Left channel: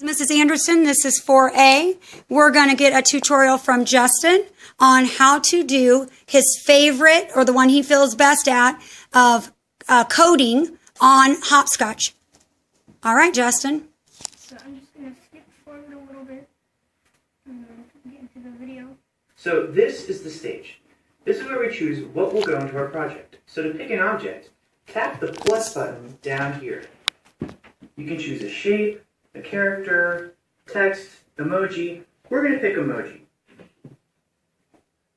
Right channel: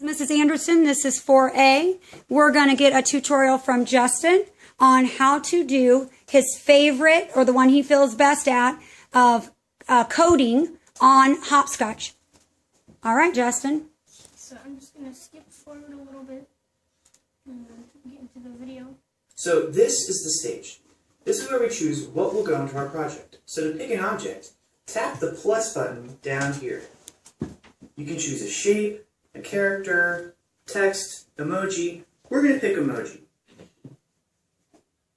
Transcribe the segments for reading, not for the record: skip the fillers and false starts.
Mrs. Anderson, this is 4A. We're going to get a tutorial from Justin on how to do his favorite, or the one he feels best at, of coding on Hopscotch. All right, Justin. So I'm just going to skip forward a little bit and get into the video. So this is the stage. This is where we choose what will go into our project. So to pick an object, tap the plus button down here. You can choose a shape, a character, text, emoji. We're going to pick emoji.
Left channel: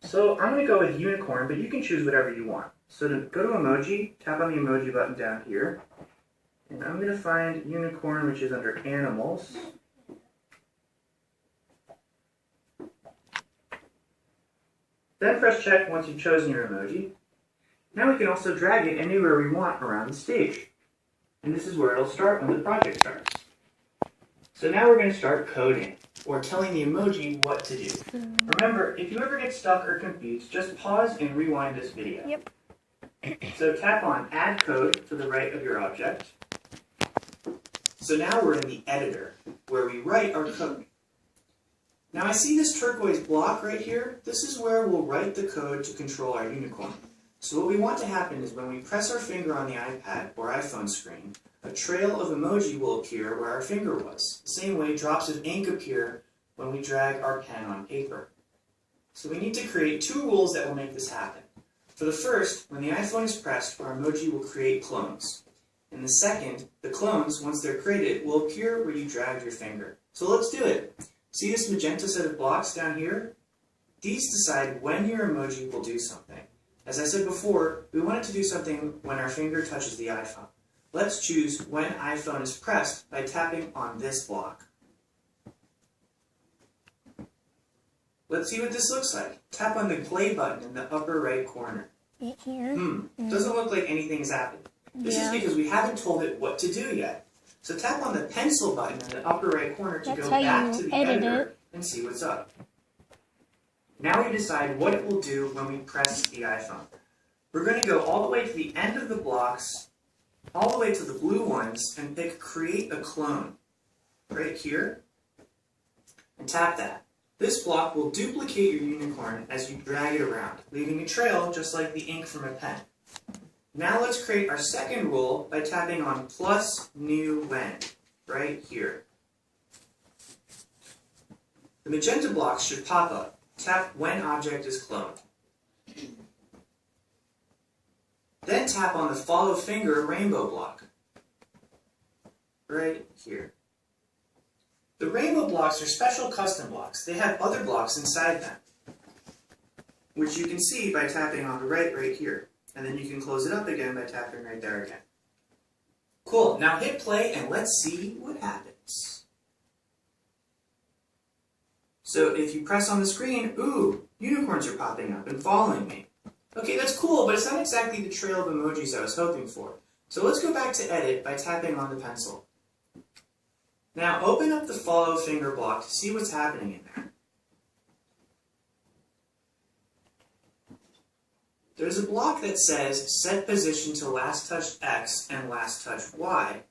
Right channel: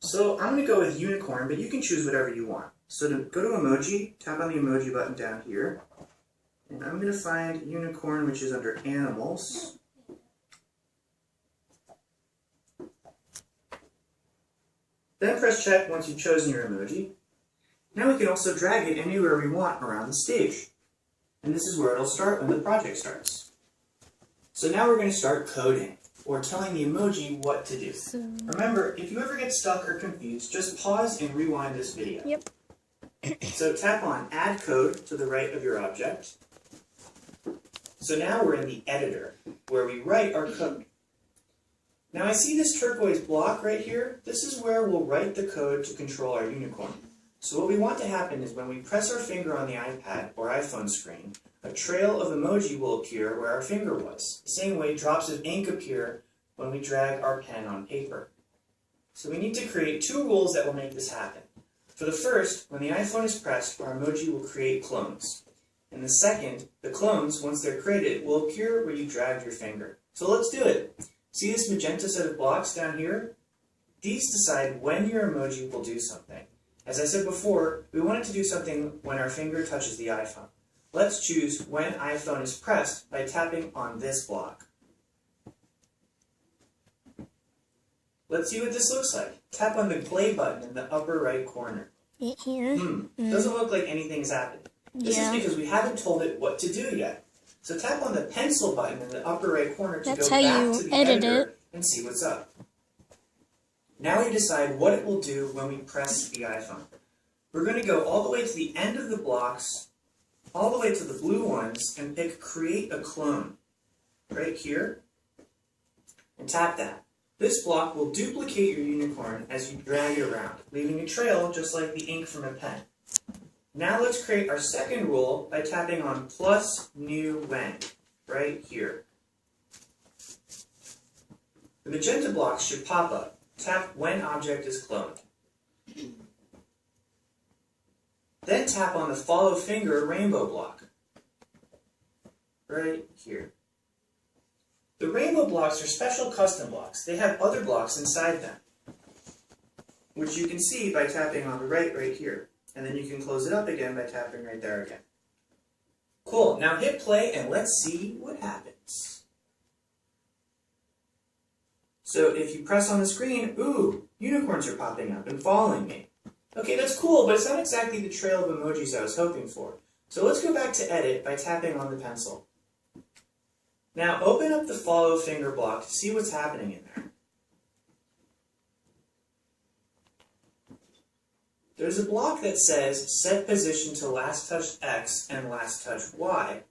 So I'm going to go with unicorn, but you can choose whatever you want. So to go to emoji, tap on the emoji button down here. And I'm going to find unicorn, which is under animals. Then press check once you've chosen your emoji. Now we can also drag it anywhere we want around the stage. And this is where it'll start when the project starts. So now we're going to start coding, or telling the emoji what to do. Remember, if you ever get stuck or confused, just pause and rewind this video. Yep. So tap on Add Code to the right of your object. So now we're in the editor, where we write our code. Now I see this turquoise block right here. This is where we'll write the code to control our unicorn. So what we want to happen is when we press our finger on the iPad or iPhone screen, a trail of emoji will appear where our finger was. The same way drops of ink appear when we drag our pen on paper. So we need to create two rules that will make this happen. For the first, when the iPhone is pressed, our emoji will create clones. And the second, the clones, once they're created, will appear where you dragged your finger. So let's do it. See this magenta set of blocks down here? These decide when your emoji will do something. As I said before, we want it to do something when our finger touches the iPhone. Let's choose when iPhone is pressed by tapping on this block. Let's see what this looks like. Tap on the play button in the upper right corner. Here? Doesn't look like anything has happened. This is because we haven't told it what to do yet. So tap on the pencil button in the upper right corner to go back to the editor and see what's up. Now we decide what it will do when we press the iPhone. We're going to go all the way to the end of the blocks, all the way to the blue ones, and pick Create a Clone right here, and tap that. This block will duplicate your unicorn as you drag it around, leaving a trail just like the ink from a pen. Now let's create our second rule by tapping on plus new when, right here. The magenta blocks should pop up. Tap when object is cloned. Then tap on the follow finger rainbow block, right here. The rainbow blocks are special custom blocks. They have other blocks inside them, which you can see by tapping on the right here. And then you can close it up again by tapping right there again. Cool, now hit play and let's see what happens. So if you press on the screen, ooh, unicorns are popping up and following me. Okay, that's cool, but it's not exactly the trail of emojis I was hoping for. So let's go back to edit by tapping on the pencil. Now open up the follow finger block to see what's happening in there. There's a block that says set position to last touched X and last touched Y.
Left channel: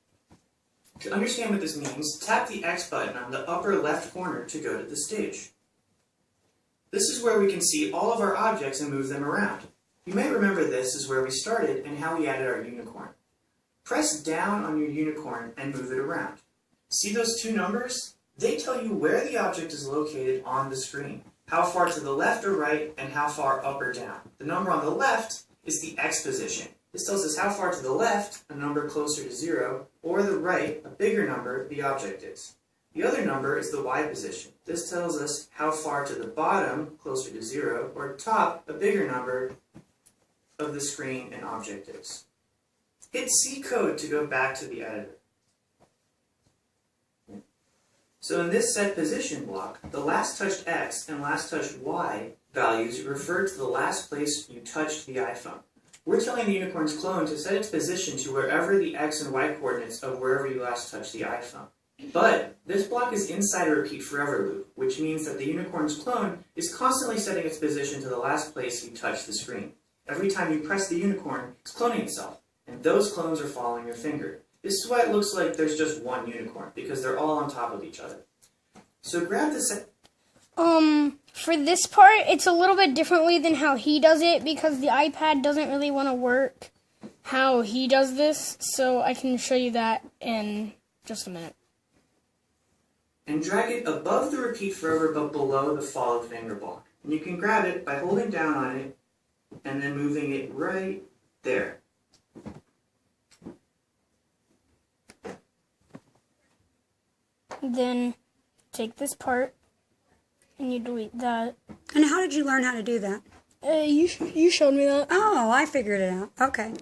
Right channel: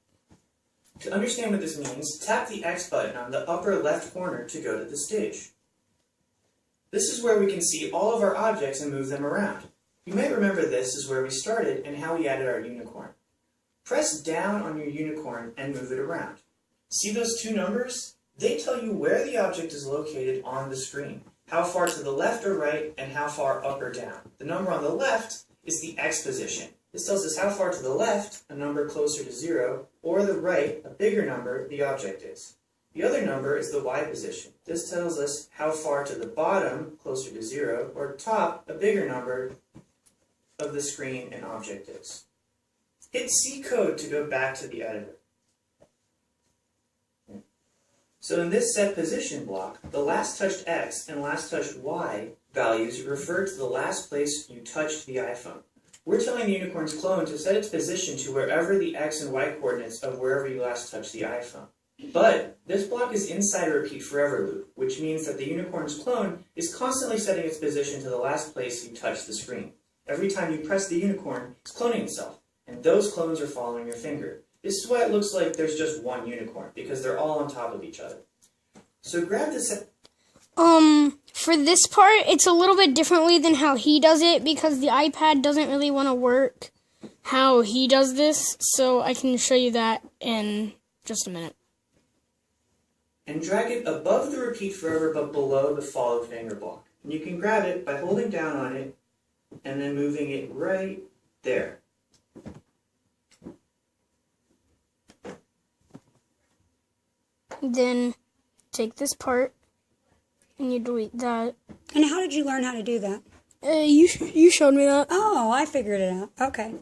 To understand what this means, tap the X button on the upper left corner to go to the stage. This is where we can see all of our objects and move them around. You may remember this is where we started and how we added our unicorn. Press down on your unicorn and move it around. See those two numbers? They tell you where the object is located on the screen, how far to the left or right, and how far up or down. The number on the left is the X position. This tells us how far to the left, a number closer to 0, or the right, a bigger number, the object is. The other number is the Y position. This tells us how far to the bottom, closer to 0, or top, a bigger number, of the screen and object is. Hit C code to go back to the editor. So in this set position block, the last touched X and last touched Y values refer to the last place you touched the iPhone. We're telling the unicorn's clone to set its position to wherever the X and Y coordinates of wherever you last touched the iPhone. But this block is inside a repeat forever loop, which means that the unicorn's clone is constantly setting its position to the last place you touch the screen. Every time you press the unicorn, it's cloning itself, and those clones are following your finger. This is why it looks like there's just one unicorn, because they're all on top of each other. So grab this. For this part, it's a little bit differently than how he does it because the iPad doesn't really want to work how he does this, so I can show you that in just a minute. And drag it above the repeat forever but below the follow finger block. And you can grab it by holding down on it and then moving it right there. Then take this part and you delete that. And how did you learn how to do that? You showed me that. Oh, I figured it out. Okay.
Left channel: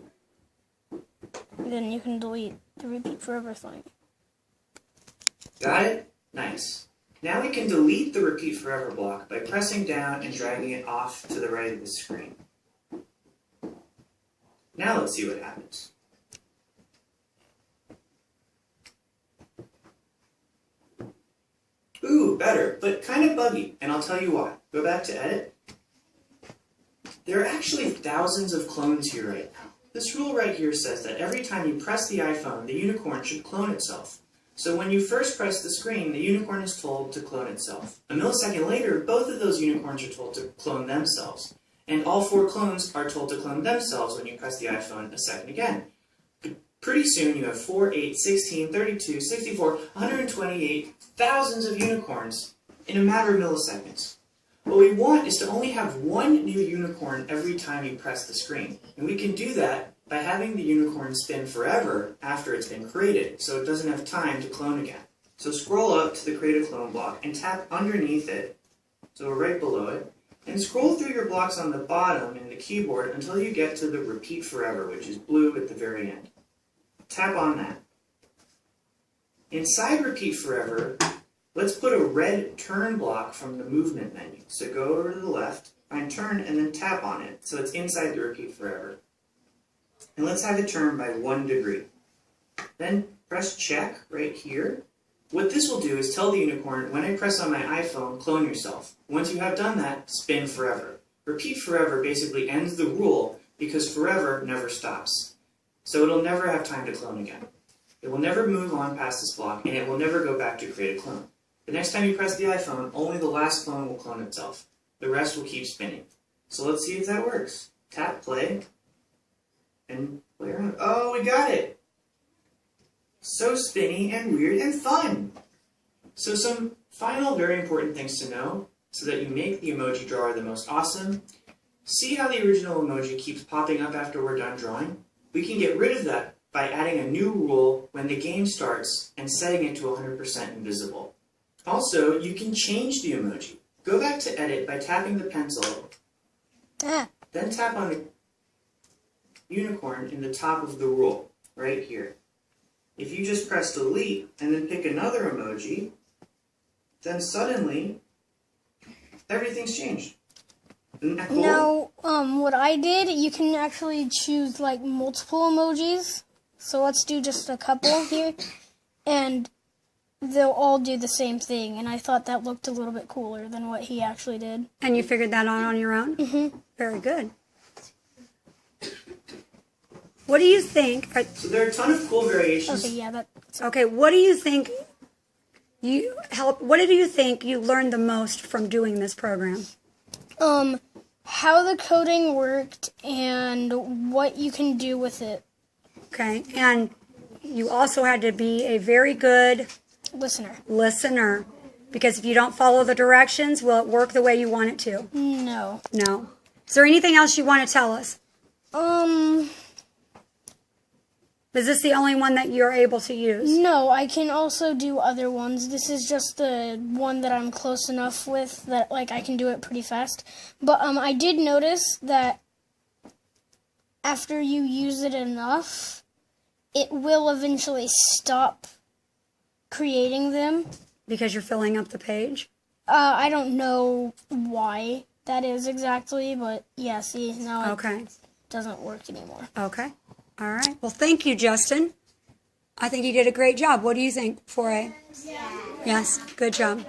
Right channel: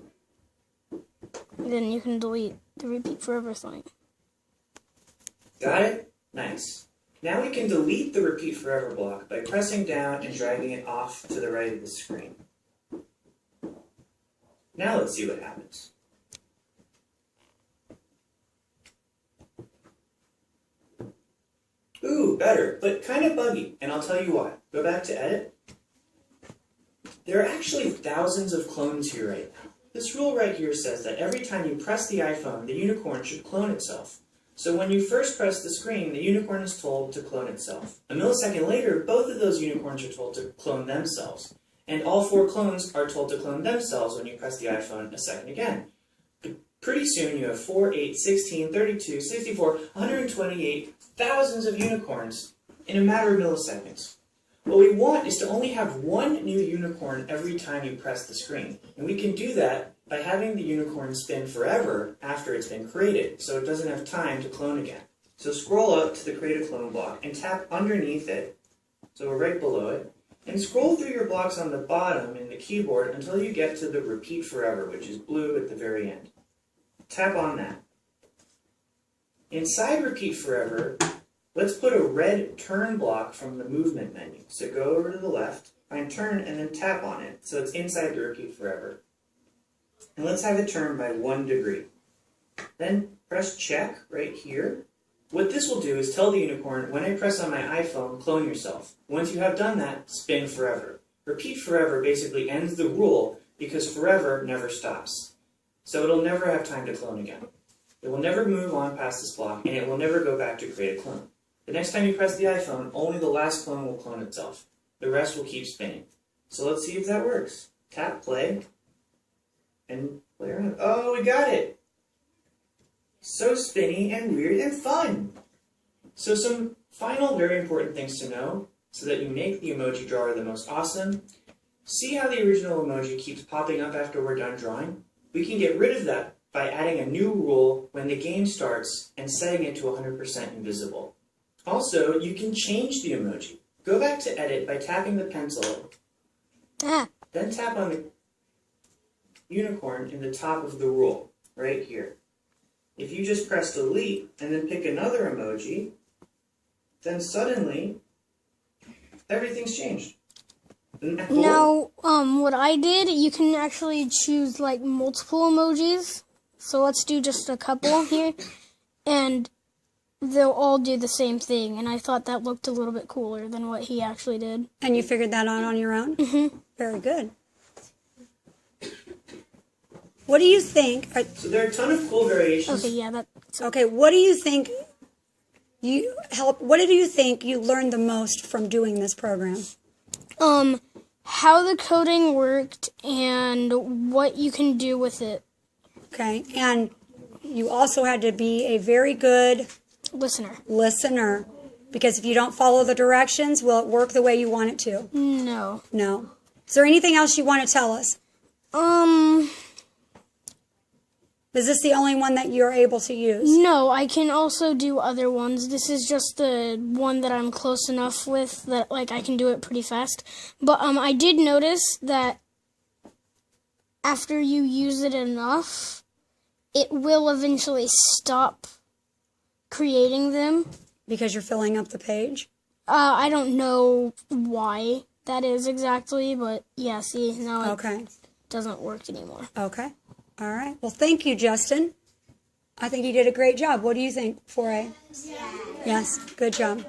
Then you can delete the repeat forever thing. Got it? Nice. Now we can delete the repeat forever block by pressing down and dragging it off to the right of the screen. Now let's see what happens. Ooh, better, but kind of buggy, and I'll tell you why. Go back to edit. There are actually thousands of clones here right now. This rule right here says that every time you press the iPhone, the unicorn should clone itself. So when you first press the screen, the unicorn is told to clone itself. A millisecond later, both of those unicorns are told to clone themselves. And all 4 clones are told to clone themselves when you press the iPhone a second again. But pretty soon you have 4, 8, 16, 32, 64, 128 thousands of unicorns in a matter of milliseconds. What we want is to only have one new unicorn every time you press the screen. And we can do that by having the unicorn spin forever after it's been created, so it doesn't have time to clone again. So scroll up to the Create a Clone block and tap underneath it, so we're right below it, and scroll through your blocks on the bottom in the keyboard until you get to the Repeat Forever, which is blue at the very end. Tap on that. Inside Repeat Forever, let's put a red turn block from the movement menu. So go over to the left, find turn, and then tap on it, so it's inside the Repeat Forever. And let's have it turn by 1 degree. Then press check right here. What this will do is tell the unicorn, when I press on my iPhone, clone yourself. Once you have done that, spin forever. Repeat forever basically ends the rule because forever never stops. So it'll never have time to clone again. It will never move on past this block, and it will never go back to create a clone. The next time you press the iPhone, only the last clone will clone itself. The rest will keep spinning. So let's see if that works. Tap play. And play around. Oh, we got it! So spinny and weird and fun! So some final very important things to know so that you make the emoji drawer the most awesome. See how the original emoji keeps popping up after we're done drawing? We can get rid of that by adding a new rule when the game starts and setting it to 100% invisible. Also, you can change the emoji. Go back to edit by tapping the pencil, then tap on the unicorn in the top of the rule, right here. If you just press delete and then pick another emoji, then suddenly everything's changed. Isn't that cool? Now, what I did, you can actually choose like multiple emojis. So let's do just a couple here, and they'll all do the same thing. And I thought that looked a little bit cooler than what he actually did. And you figured that out on your own? Mm-hmm. Very good. What do you think? So there are a ton of cool variations. Okay, yeah, that's Okay, what do you think what did you think you learned the most from doing this program? how the coding worked and what you can do with it. Okay, and you also had to be a very good listener, because if you don't follow the directions, will it work the way you want it to? No. No. Is there anything else you want to tell us? Is this the only one that you're able to use? No, I can also do other ones. This is just the one that I'm close enough with that like I can do it pretty fast. But I did notice that after you use it enough, it will eventually stop creating them. Because you're filling up the page? I don't know why that is exactly, but yeah, see, now it doesn't work anymore. Okay. All right. Well, thank you, Justin. I think you did a great job. What do you think, 4A? Yeah. Yes. Good job.